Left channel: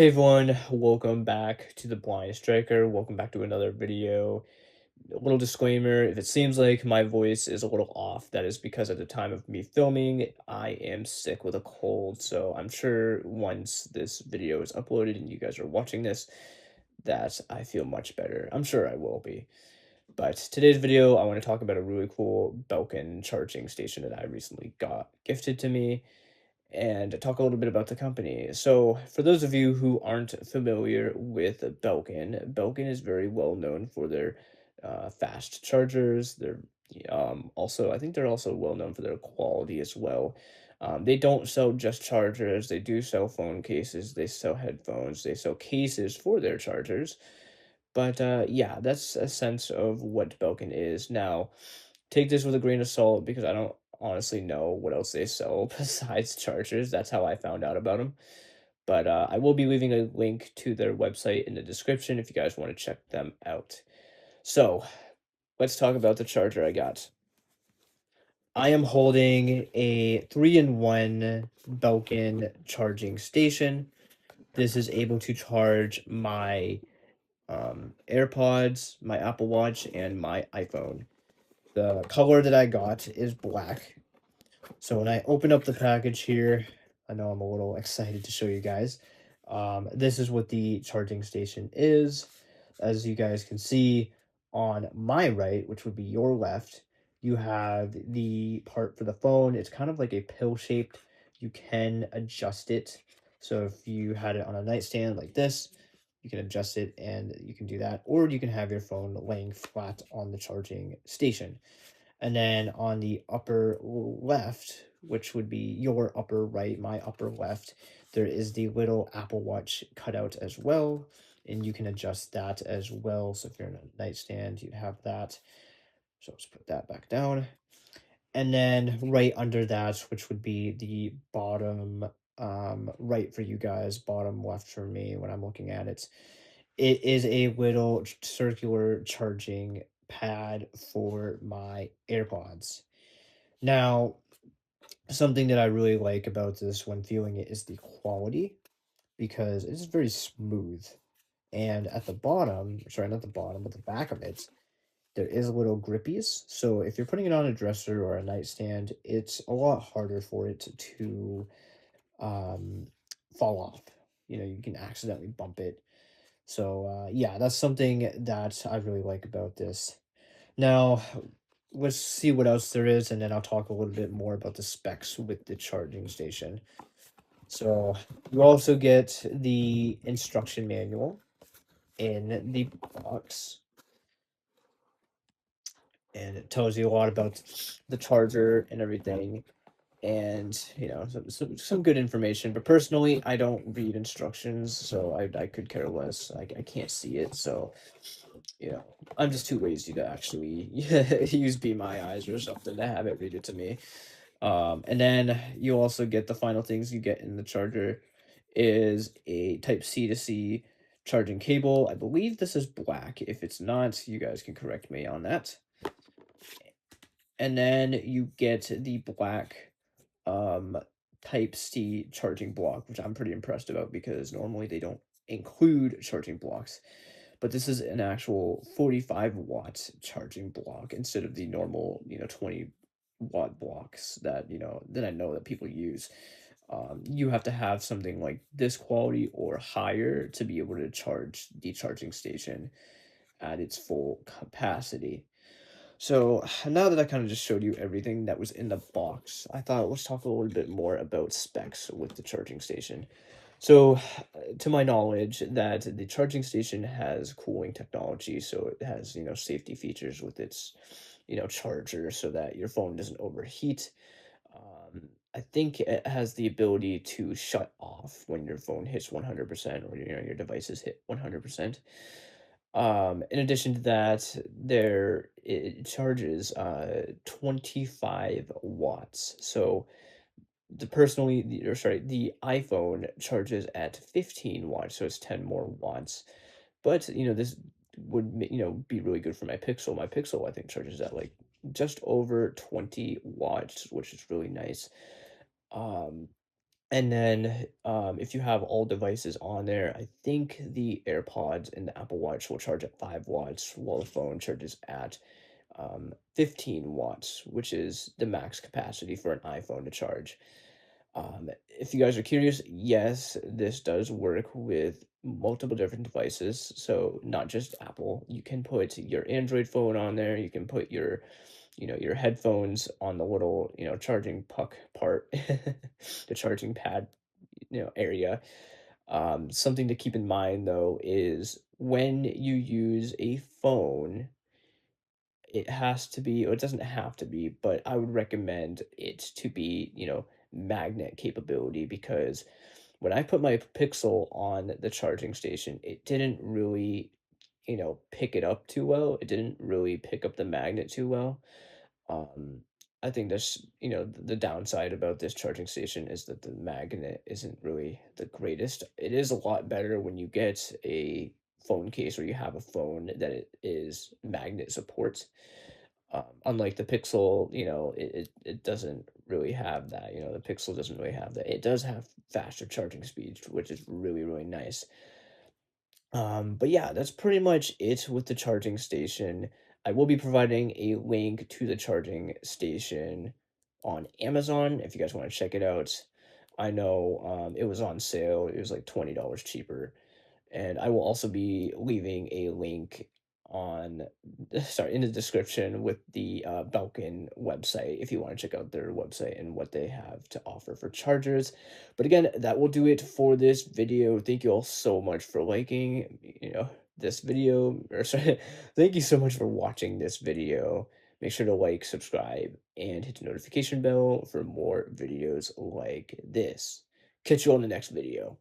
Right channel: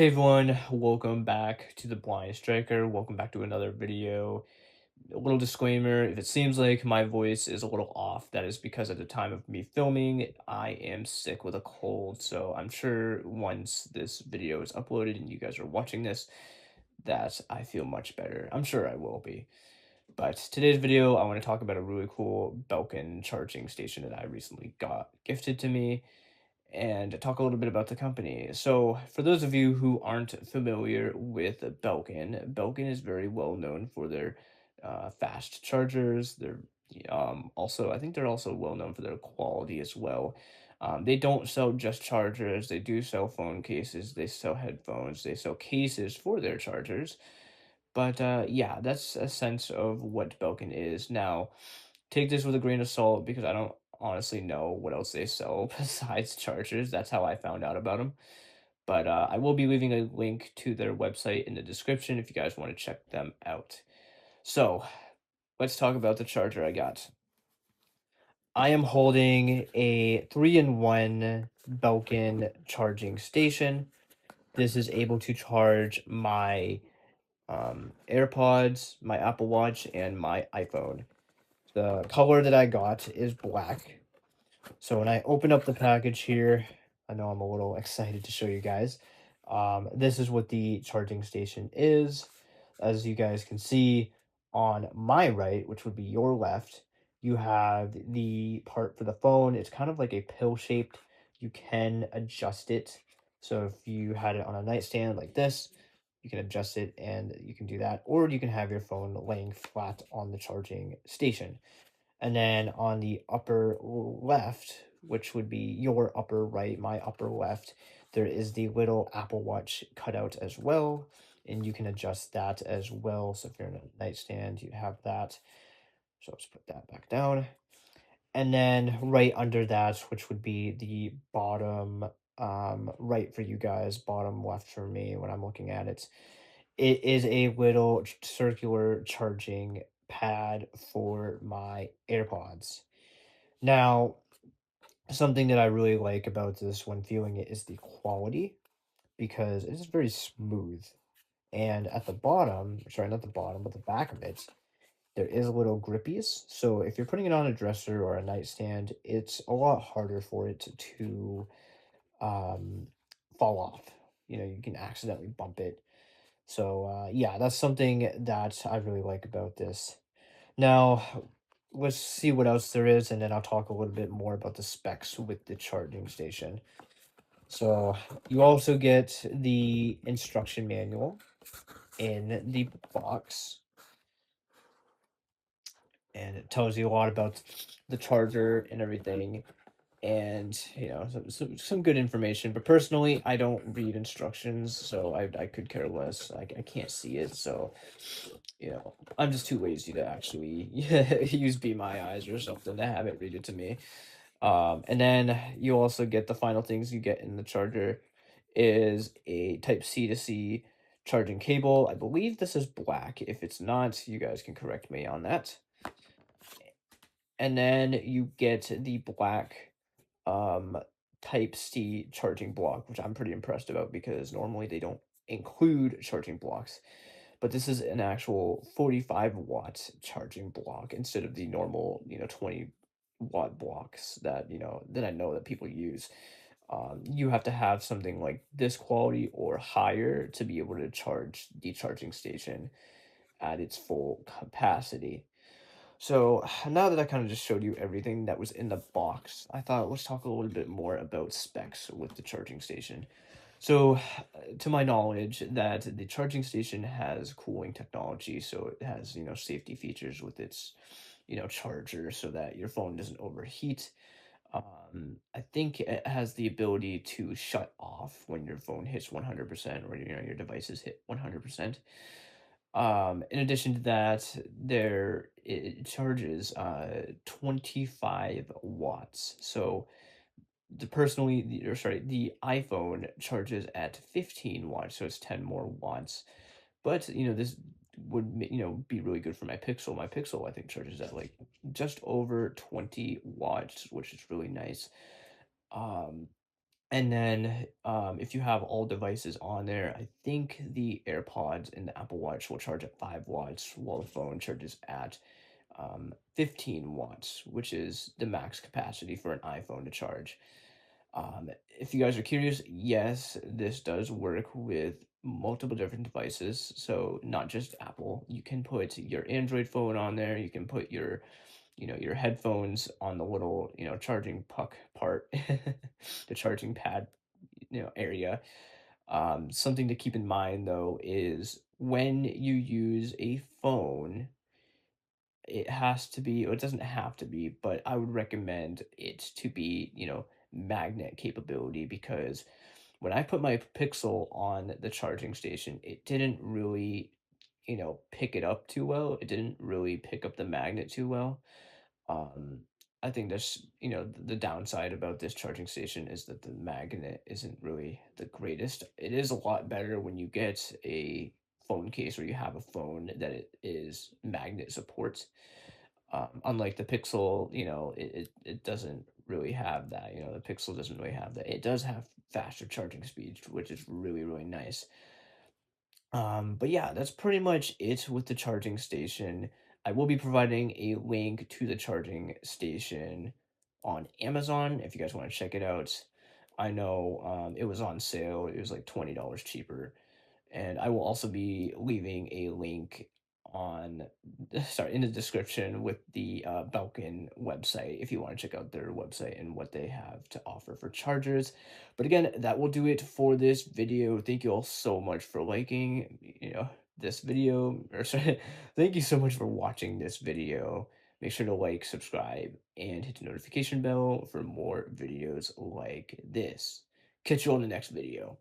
Hey everyone, welcome back to the Blind Striker. Welcome back to another video. A little disclaimer, if it seems like my voice is a little off, that is because at the time of me filming, I am sick with a cold. So I'm sure once this video is uploaded and you guys are watching this, that I feel much better. I'm sure I will be. But today's video, I want to talk about a really cool Belkin charging station that I recently got gifted to me and talk a little bit about the company. So, for those of you who aren't familiar with Belkin, Belkin is very well known for their fast chargers. They're also, I think they're also well known for their quality as well. They don't sell just chargers, they do sell phone cases, they sell headphones, they sell cases for their chargers. But yeah, that's a sense of what Belkin is. Now, take this with a grain of salt because I don't honestly know what else they sell besides chargers. That's how I found out about them. But I will be leaving a link to their website in the description if you guys want to check them out. So let's talk about the charger I got. I am holding a 3-in-1 Belkin charging station. This is able to charge my AirPods, my Apple Watch, and my iPhone. The color that I got is black. So when I open up the package here, I know I'm a little excited to show you guys. This is what the charging station is. As you guys can see on my right, which would be your left, you have the part for the phone. It's kind of like a pill shaped. You can adjust it. So if you had it on a nightstand like this, you can adjust it and you can do that. Or you can have your phone laying flat on the charging station. And then on the upper left, which would be your upper right, my upper left, there is the little Apple Watch cutout as well. And you can adjust that as well. So if you're in a nightstand, you have that. So let's put that back down. And then right under that, which would be the bottom right for you guys, bottom left for me when I'm looking at it, it is a little circular charging pad for my AirPods. Now, something that I really like about this when viewing it is the quality because it's very smooth. And at the bottom, sorry, not the bottom, but the back of it, there is little grippies. So if you're putting it on a dresser or a nightstand, it's a lot harder for it to um, fall off. You know, you can accidentally bump it. So yeah, that's something that I really like about this. Now, let's see what else there is, and then I'll talk a little bit more about the specs with the charging station. So, you also get the instruction manual in the box, and it tells you a lot about the charger and everything, and you know some good information. But personally, I don't read instructions, so I could care less. I can't see it, so you know, I'm just too lazy to actually use Be My Eyes or something to have it read it to me. And then you also get the final things you get in the charger is a Type C to C charging cable. I believe this is black. If it's not, you guys can correct me on that. And then you get the black um Type C charging block, which I'm pretty impressed about because normally they don't include charging blocks. But this is an actual 45 watt charging block instead of the normal, 20 watt blocks that, that I know that people use. You have to have something like this quality or higher to be able to charge the charging station at its full capacity. So now that I kind of just showed you everything that was in the box, I thought let's talk a little bit more about specs with the charging station. So, to my knowledge, that the charging station has cooling technology, so it has, safety features with its, charger so that your phone doesn't overheat. I think it has the ability to shut off when your phone hits 100% or, your devices hit 100%. In addition to that, it charges 25 watts. So the iPhone charges at 15 watts, so it's 10 more watts. But, this would, be really good for my Pixel. My Pixel, I think, charges at like just over 20 watts, which is really nice. Um, And then, if you have all devices on there, I think the AirPods and the Apple Watch will charge at 5 watts, while the phone charges at 15 watts, which is the max capacity for an iPhone to charge. If you guys are curious, yes, this does work with multiple different devices. So not just Apple. You can put your Android phone on there. You can put your, your headphones on the little, charging puck part, the charging pad, area. Something to keep in mind though is when you use a phone, it has to be, or it doesn't have to be, but I would recommend it to be, magnet capability, because when I put my Pixel on the charging station, it didn't really, pick it up too well. It didn't really pick up the magnet too well. Um, I think that's, the downside about this charging station is that the magnet isn't really the greatest. It is a lot better when you get a phone case or you have a phone that it is magnet supports. Unlike the Pixel, it doesn't really have that. The Pixel doesn't really have that. It does have faster charging speeds, which is really, really nice. But yeah, that's pretty much it with the charging station. I will be providing a link to the charging station on Amazon if you guys want to check it out. I know it was on sale. It was like $20 cheaper. And I will also be leaving a link on sorry, in the description with the Belkin website if you want to check out their website and what they have to offer for chargers. But again, that will do it for this video. Thank you all so much for liking, this video, or sorry, thank you so much for watching this video. Make sure to like, subscribe, and hit the notification bell for more videos like this. Catch you on the next video.